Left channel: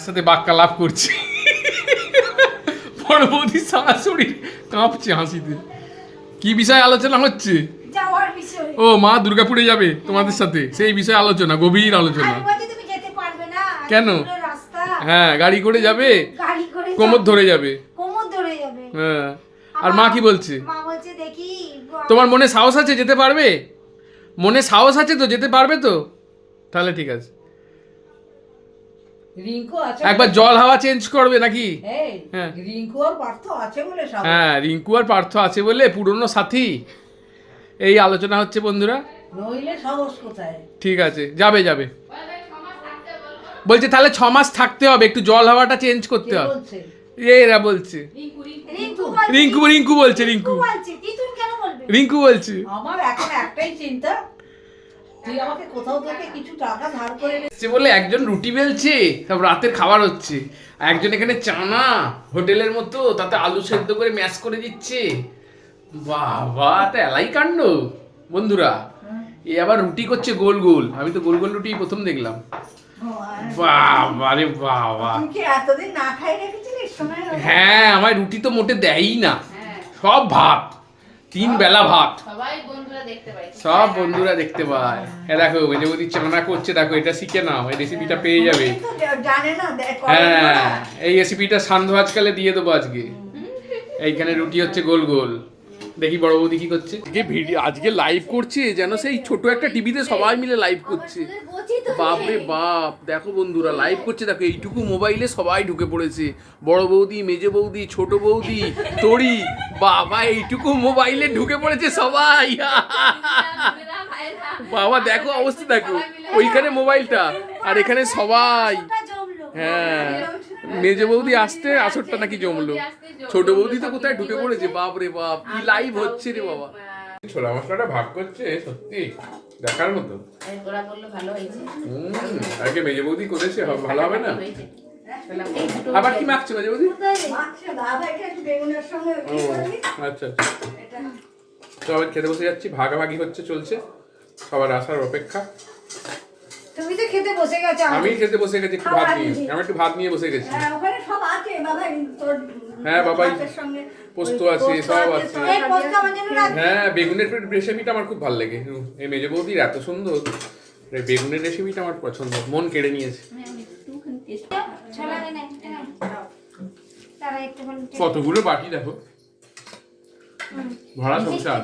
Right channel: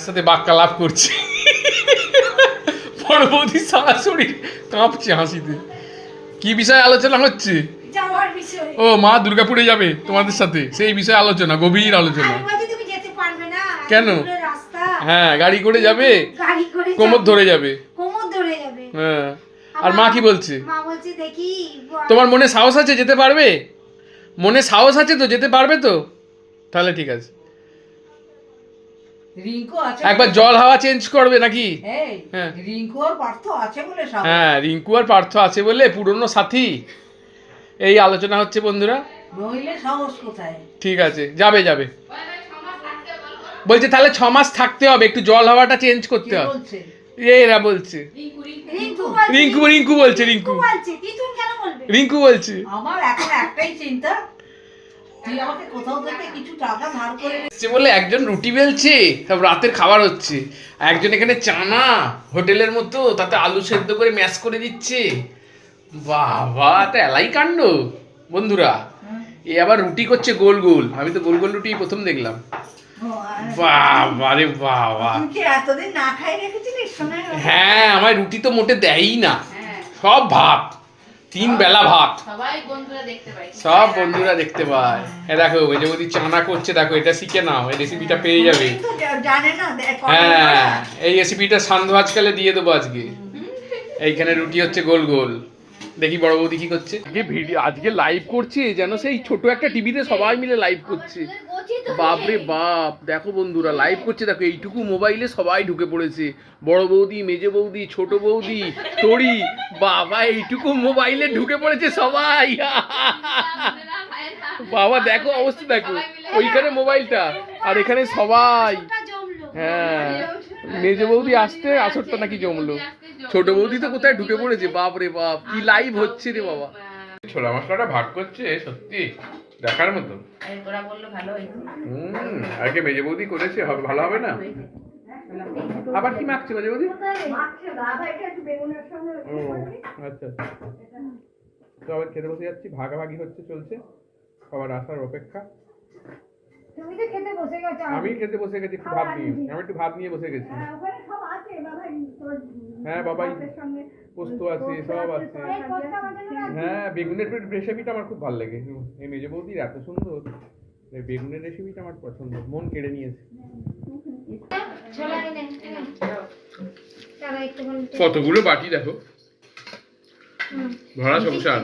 সাথে বাক্কা লাভ করছে। বড় বৌদি সারা শরীর কাঁপছে হাসিতে। কি বিষয়ে আলোচনা হচ্ছে? ও মা দুর্গাপুরে যাবে তোমাদের সাথে, সেই বিষয়ে আলোচনা, গভীর আলোচনা। কেন? হ্যাঁ গাড়ি করে যাবে, কোমর ধরে যাবে। হ্যাঁ আর মা কি বলছে? তোমার মনে সাহস আছে যেতে পারবে? মনে সাহস আছে তো, যেতে পারবে তো? তাহলে ঠিক আছে। রিঙ্কু আছে, একবার জল হাওয়া চেঞ্জ করবে নাকি? হ্যাঁ রিঙ্কু আর পার্থ আছে বলে সব। হ্যাঁ রিঙ্কু আর পার্থ আছে বলে, পুরনো সাথী। এই আলোচনা হচ্ছে বন্ধুরা। নইলে সাহস কোথায়? ঠিক আছে, যাবে যাবে বলছে। তাহলে 6 মাস থাকতে হবে, একটু জল হাওয়াটা চেঞ্জ করতে হবে। এরা বলছে রিঙ্কু রিঙ্কু বলছে, রিঙ্কু বলছে। আমার এখন একটাই চিন্তা, তুই আমাকে কোথাও থেকে কিছু টাকা ধার করে সে বলে একজন রুটি বেলছে, সব রাতের খাবার হচ্ছে, একজন এখানে চানা হোটেলের মতো তাতে আলু সেদ্ধ করে ম্যাশ করে দিচ্ছে। বাবা এটা এলাই কাণ্ড বন্ধুরা। এ আবার রুটি করছে গোল গোল, আমি তো গোল গোল রুটি প্রথম দেখলাম। বাবা রে বাবা, তুই কি এতদিন না খাই রেখেছিলিস? হ্যাঁ আমার রুটি তো মোটে দেয়ই না, সব ভাত, 3 বেলা ভাত। সব বন্ধুরা দেখতে পায়। হ্যাঁ দেখো মেজে বৌদি চানা করছে, দেখো এটা শিখে নাও, এই রেসিপিটা পেয়ে যাবে। জানে না হ্যাঁ এই রেসিপিটা সান্ধ্য আজকালে দিয়ে দেবো আজকে। এইখানে রুটি হচ্ছে গোল গোল। দেখি বড় বৌদি কি করছে। ভিডিও আজকে লাইভ করছে যেন সেই ছোট একটা টিভিতে সবাই মিলে লাইভ করছে। বাপরে বাপ, দেখো বন্ধুরা লাইভ করছে, দেখো এইটুকু মোবাইলে সবাই ঢুকে পড়েছে। বড় বৌদি, মেজে বৌদি, ছোট বৌদি, তড়ি, বাবা এইটুকু মোবাইলে ঢুকে পড়েছে সবাই। বাবা দেখো অবস্থা, দেখো ওইখানে মোবাইলটা আর এখানে সবাই। হ্যাঁ মেজে বৌদি আসতে আসরটা নাকি জমলো, ছোট বৌদি তো কোথায় ঢুকে পড়েছে। বাপ রে বাপ, কি লাইভ হচ্ছে রে বাবা। ছোলা মশলাটা ভাগ করছে, সত্যি দেখার মতো। আগে মেজে বৌদি করেছে, হবে ভালো হবে না? আবার কি মাখছে মেজে বৌদি? আচ্ছা আচ্ছা, সবাই খেতে বসে যাচ্ছি, ভাগাভাগি হচ্ছে, চলছে, সবার আসার অপেক্ষা। তুমি তো খেতে বসে গেছো। আমি খেতে বসে গেছি, একটু ভাত নিয়ে, আমি একটু ভাত নিয়ে বসে গেছি। ওখানে সব আছে বাবা, তোর হ্যাঁ বাবাই, পোস্ত আছে, সব আছে। এই পোস্ত আমার জন্য রাখ। হ্যাঁ বেগুনের রেসিপিটা আমার খুব ভালো লাগে। এই মেজে বৌদির এত সুন্দর এই বেগুনের রেসিপিটা আমার পছন্দ, মন কেড়ে নিয়েছে। কতগুলো বাটি দেখো, ভরা সংসার।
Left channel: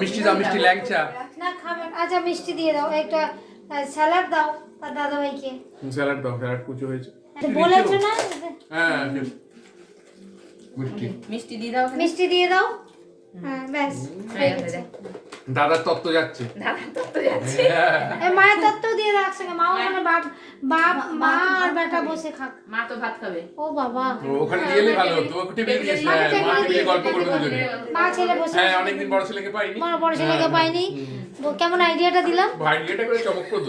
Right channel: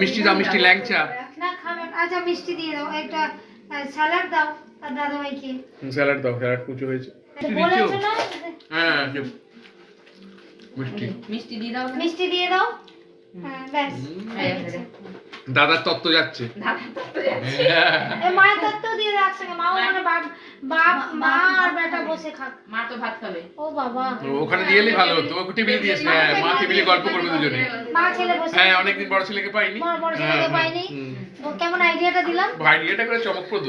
মিষ্টি দাও, মিষ্টি ল্যাংচা না খাবে। আচ্ছা মিষ্টি দিয়ে দাও, একটা স্যালাড দাও তার দাদাভাইকে। স্যালাড দাও, স্যালাড কুচো হয়েছে। বলেছো না? হ্যাঁ মিষ্টি মিষ্টি দিয়ে দাও, মিষ্টি দিয়ে দাও। হ্যাঁ ব্যাস। দাদার তত্ত্ব যাচ্ছে। এই মায়ের তত্ত্ব দিয়ে রাখছে না, মাও মানে বাপ মা আর বেটা বসে খাক। মা তো ভাত খাবে। ও বাবা, ওখানে দিয়ে এলে ভালো হতো, টেবিলে দিয়েছে। হ্যাঁ মা টেবিলে গল্প করবে দুজনে। মা ছেলে বসে। হ্যাঁ অনেকদিন বড় ছেলেকে পাইনি, বড় ছেলেকে পাইনি। কেমন আইডিয়াটা দিলাম? আইডিয়াটা করে চমকপ্রদ।